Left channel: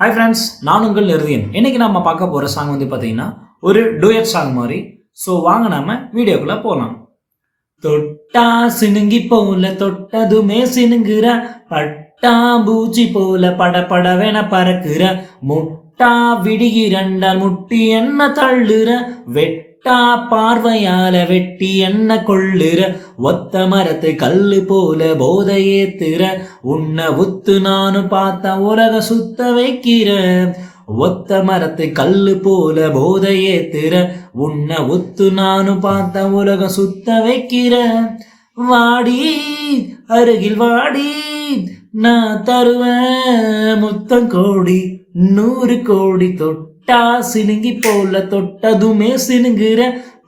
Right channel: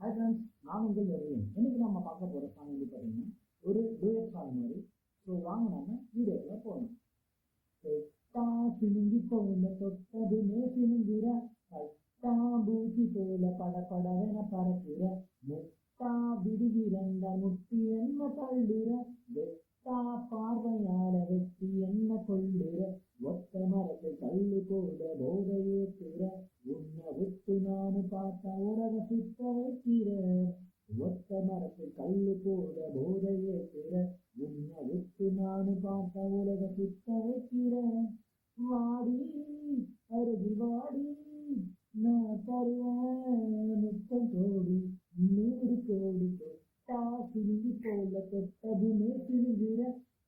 Hi friends, நான் உங்கள் நிருதியன். இன்னைக்கு நம்ம பார்க்க போகிற சாங் வந்து பார்த்தீங்கன்னா ஒரு டூயட் சாங் மாதிரி. ஸோ வாங்க நாம வீடியோக்குள்ளே போகலாம். தொட்டா சினுங்கி போல தொட்டதுமே சினுங்குற, பட்டா பூச்சி போல படபடவென பறக்குற, முட்டா விடுகிறண்டால் முட்டி என்ன தள்ளுற, வெட்டா பார்வையால வெட்டி என்ன கொள்ளுற, ஒத்த மரத்து கல்லு போல போதை ஏத்துற, உன்னை உத்து நானும் பார்த்தா உலக சுத்த வைக்கிற, ஒத்த மரத்து கல்லு போல போதை ஏத்துற, உன்னை உத்து நானும் பார்த்தா உலகம் சுத்த வைக்கிற, வாடி அருகில் வாடி நான் தருவேன் முத்தம் கோடி 100 கோடி, தொட்டா சினுங்கி போல தொட்டதுமே சினுங்குற,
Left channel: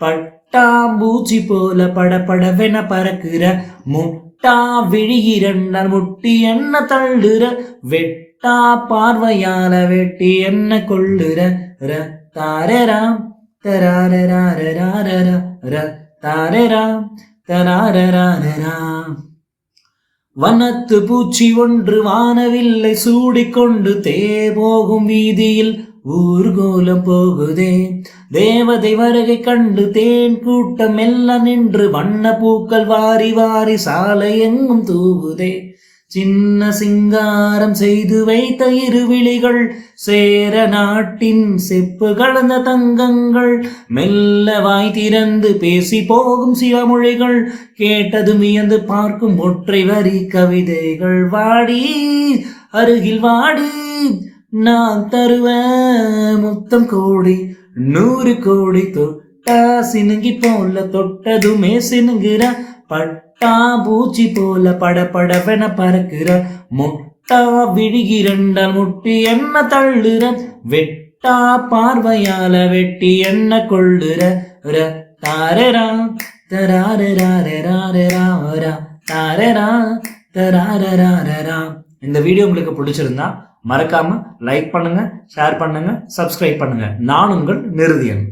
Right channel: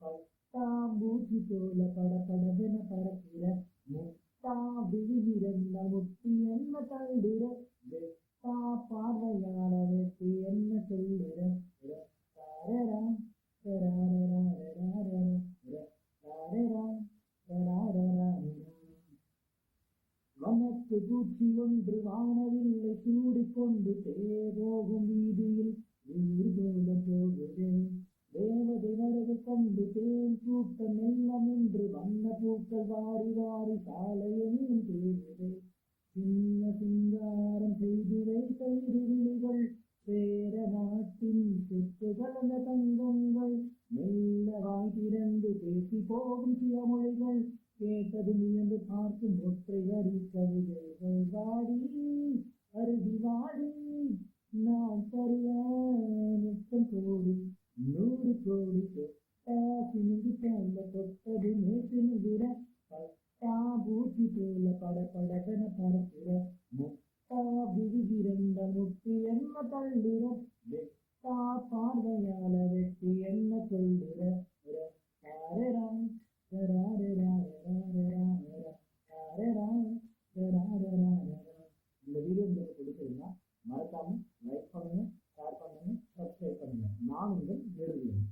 பட்டாம்பூச்சி போல படபடவென பறக்குற, முட்டா விழிகிறண்டால் முட்டி என்ன தள்ளுற, வெட்டா பார்வையால வெட்டி என்ன கொள்ளுற, ர தாரராம் தராரராரராரரா, ர தாரராம் தராரராரராம். வனத்து பூச்சி ஒன்று வானவில்லை சூடிக்கொண்டு போகும் வீதியில் ஊர்கோலம் போகுதே, தேவதை வருகை கண்டு தேன் கூட்டம் எல்லாம் நின்று வண்ண பூக்கள் வாரி வாரி சாலை எங்கும் தூவுதே, சின்ன சிங்காரம் செய்து வைத்த இருவிழிகள் சேர நாட்டின் செப்பு கலந்த தங்கங்கள், மெல்ல வாய் திறந்து பேசி போகும் சிவமொழிகள், கேட்டது வியந்து பார்க்கும் ஒற்றை வரி கவிதைகள், வாடி அருகில் வாடி நான் தருவேன் முத்தம் கோடி 100 கோடி, தொட்டா சினுங்கி போல தொட்டதுமே சினுங்குற, பட்டா பூச்சி போல படபடவென பறக்குற, முட்டா விழுகிறண்டால் முட்டி என்ன தள்ளுற, வெட்டா பார்வையால வெட்டி என்ன கொள்ளுற, ர தாரரா தராரராரராரரா, தாரரா தராரராரரா. இந்த வீடியோ உங்களுக்கு பிடிச்சிருந்தா மறக்காம லைக் பண்ணுங்க, ஷேர் பண்ணுங்க, சப்ஸ்கிரைப் பண்ணுங்க. நான் உங்கள் நிருதியன்.